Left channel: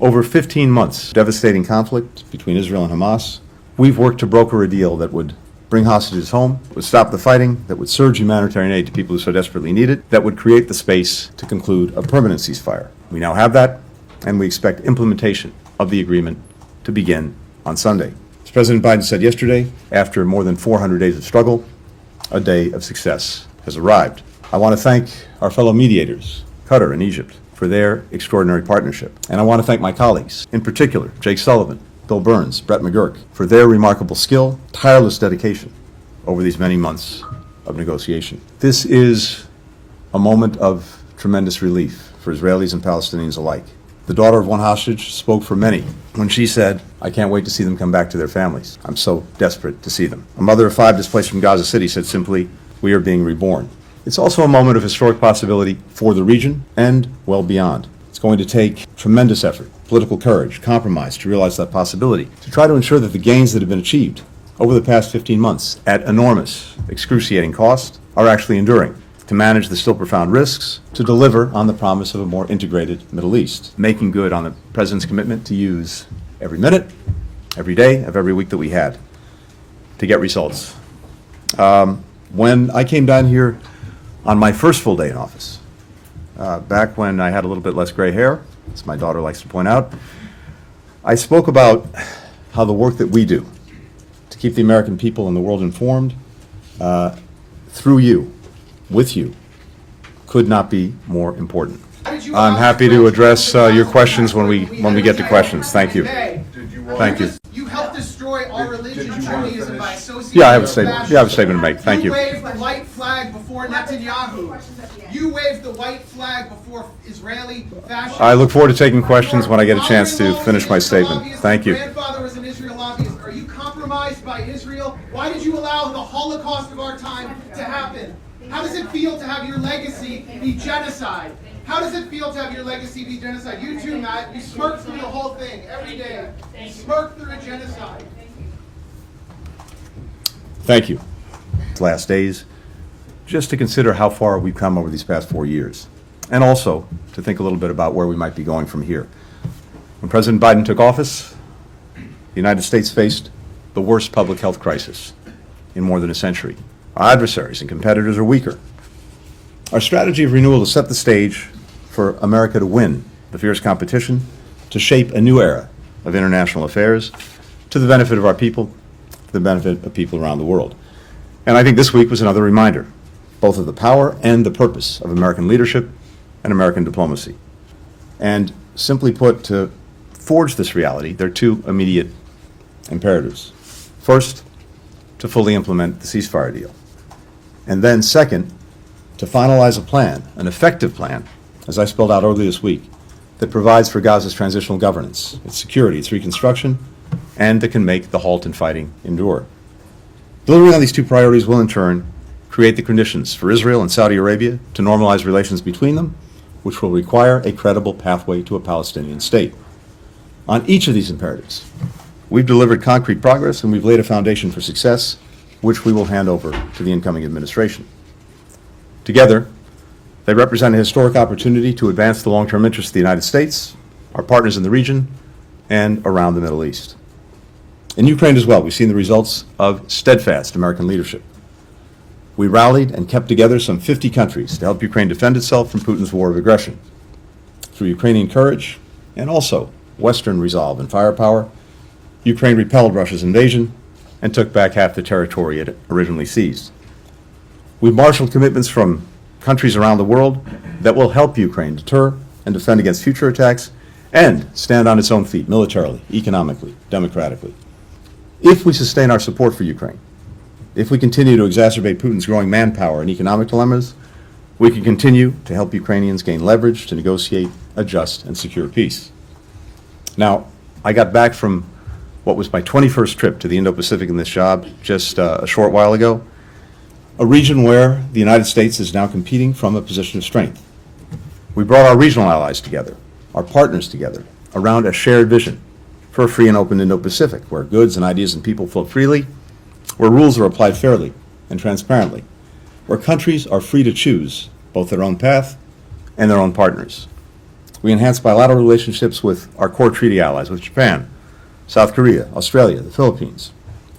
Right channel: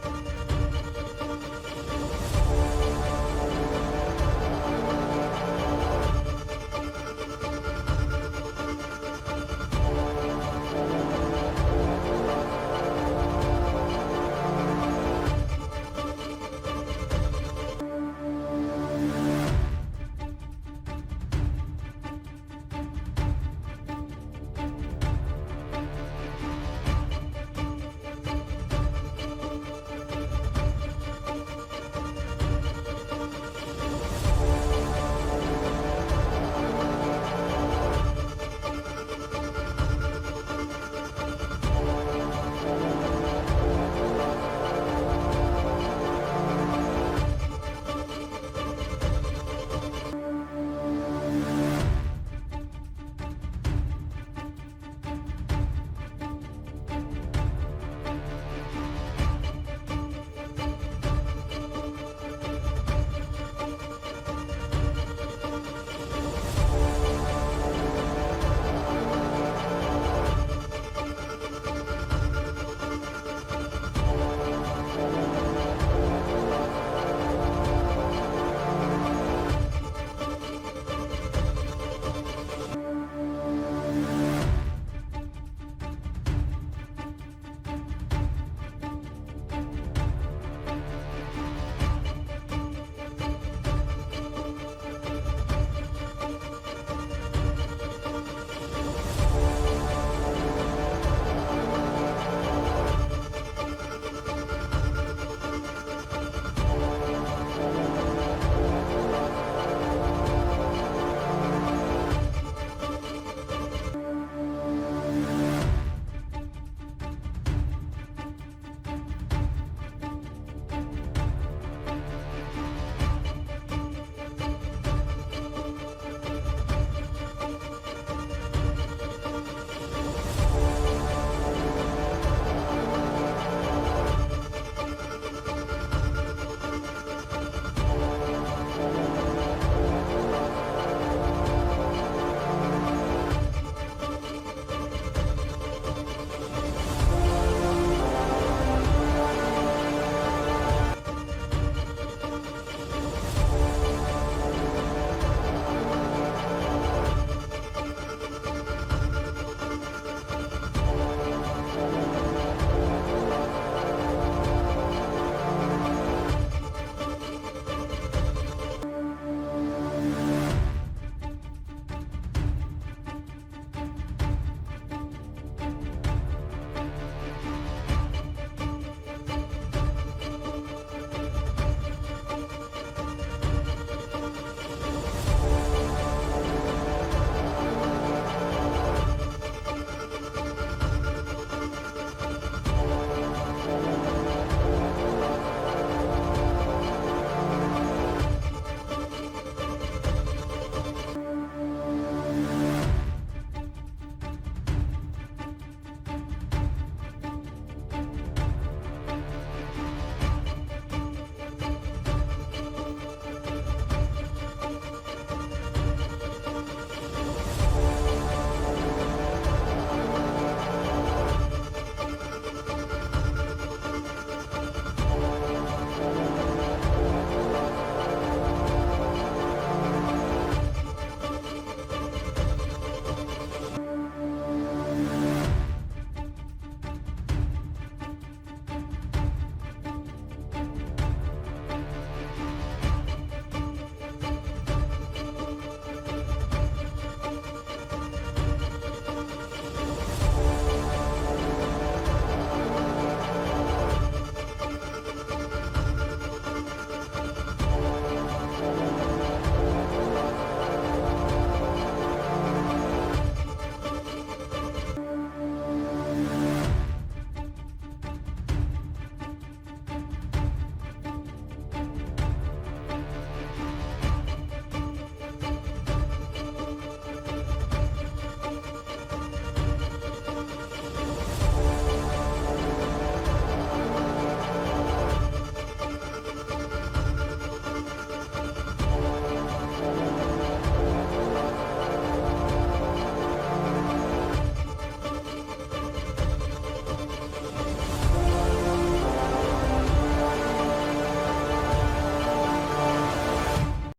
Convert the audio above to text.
Over 15 months, devastating conflict between Israel and Hamas, we've worked to broker a deal that would bring hostages home, would stop the fighting, that would surge humanitarian aid to people who so desperately need it, that would create the space to conclude a permanent ceasefire. We now have that, and we expect implementation of the agreement to begin on Sunday. As President Biden said yesterday, after more than 400 days of struggle, a day of success has arrived. I want to thank our fellow mediators, Qatar and Egypt, for their extraordinary partnership. And I want to thank my colleagues, in particular, Jake Sullivan, Bill Burns, Brett McGurk, for their remarkable skill, tireless dedication over these many months of negotiation. This is a moment of tremendous relief for Israelis and Palestinians alike. The daughter of one hostage spoke for many when she said, "I can't wait to see them come back to their families. I'm so desperate to see them." A mother of 5 displaced from Gaza City said simply, "We are being reborn." It's also a moment of historic possibility for the region and well beyond. It's going to take tremendous effort, political courage, compromise to realize that possibility, to try to ensure that the gains that have been achieved over the past 15 months at enormous, excruciating cost are actually enduring, to manage the still profound risks, to deliver on the promise of a more integrated Middle East, making good on the President's commitment to use every minute, every day of every week that we had to get results. When I came down here on my first full day in office, back when I had a little bit less gray hair, as my daughter likes to point out, I spoke about how the work that we do to keep the American people and the world informed through you, with you, could not be more important. I'm happy to address your questions when we get to questions. Thank you. Thank you. You helped destroy our religion, Judaism, by associating. Yeah, I have a statement to make. Thank you. You waved the white flag before Netanyahu. You waved the white flag before Israeli fascists. I look forward to taking questions when I get a chance to finish my statement. Thank you. Your grandfather was an Israel lobbyist. Are you compromised by Israel? Why did you allow the Holocaust of our time to happen? How does it feel to have your legacy be genocide? How does it feel to have your legacy be genocide? You too, Matt. You smirk through the whole thing every day. You smirk through the genocide. Thank you. Last days, just to consider how far we've come over these past 4 years, and also to think a little bit about where we might be going from here. When President Biden took office, the United States faced the worst public health crisis in more than a century. Our adversaries and competitors are weaker. Our strategy of renewal to set the stage for America to win the fierce competition, to shape a new era of international affairs to the benefit of our people, to the benefit of people around the world. And I think this week was another reminder, both of the power and the purpose of American leadership and American diplomacy. And simply put, to forge this reality, there are 2 immediate imperatives. First, to fully implement the ceasefire deal. And then second, to finalize a plan, an effective plan, as I spelled out earlier this week, that provides for Gaza's transitional governance, its security, its reconstruction, and that can make the halt in fighting endure. Delivering on these 2 priorities will in turn create the conditions for Israel and Saudi Arabia to normalize relations between them, which will require a credible pathway to a Palestinian state. On each of these imperatives, we've delivered concrete progress and we've laid a foundation for success, which we will hand over to the incoming administration. Together, they represent a historic opportunity to advance the long-term interests of the United States, our partners in the region, and around the Middle East. In Ukraine as well, we've seen the results of steadfast American leadership. We rallied and kept together some 50 countries to help Ukraine defend itself from Putin's war of aggression. Through Ukrainian courage and also Western resolve and firepower, Ukraine repelled Russia's invasion and took back half the territory it originally seized. We've marshaled commitments from countries around the world that will help Ukraine deter and defend against future attacks and stand on its own feet militarily, economically, democratically. If we sustain our support for Ukraine, if we continue to exacerbate Putin's growing manpower and economic dilemmas, we can continue to help Ukrainians gain leverage to negotiate a just and secure peace. Now, I got back from what was my 21st trip to the Indo-Pacific in this job just a short while ago, a region where the United States is now competing from a position of strength. We brought our regional allies together, our partners together, around a shared vision for a free and open Indo-Pacific, where goods and ideas and people flow freely, where rules are applied fairly and transparently, where countries are free to choose both their own path and their own partners. We enhanced bilateral relationships with our core treaty allies, with Japan, South Korea, Australia, and the Philippines.